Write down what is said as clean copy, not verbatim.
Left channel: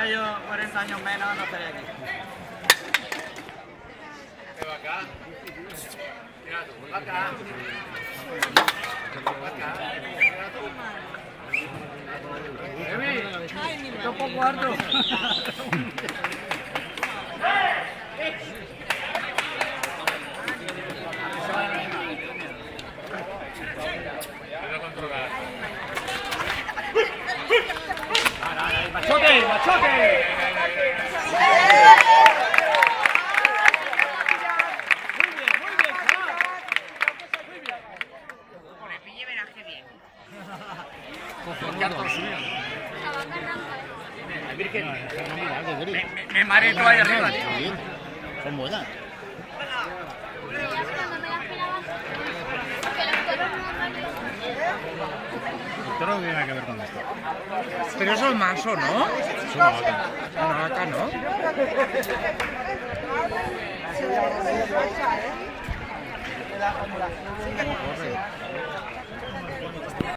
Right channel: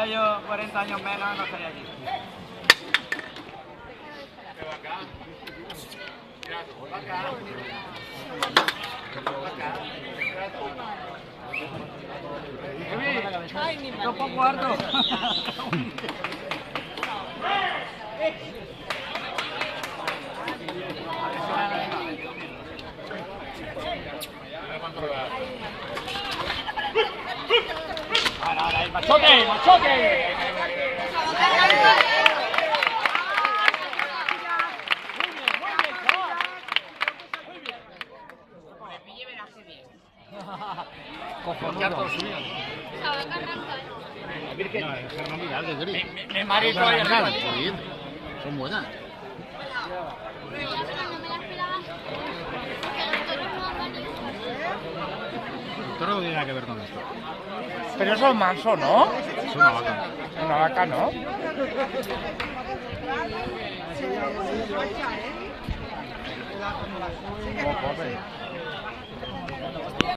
tuviera yo 40 años menos, no estaría aquí. Esto es poco harto. ¡Ahora, machote, machote! Me marito ahí arriba. Son buenas. El toro no tiene nada que ver con esto. Pero eso es manso, ¿no? Es una vaca. Una vaca, ¿no? No,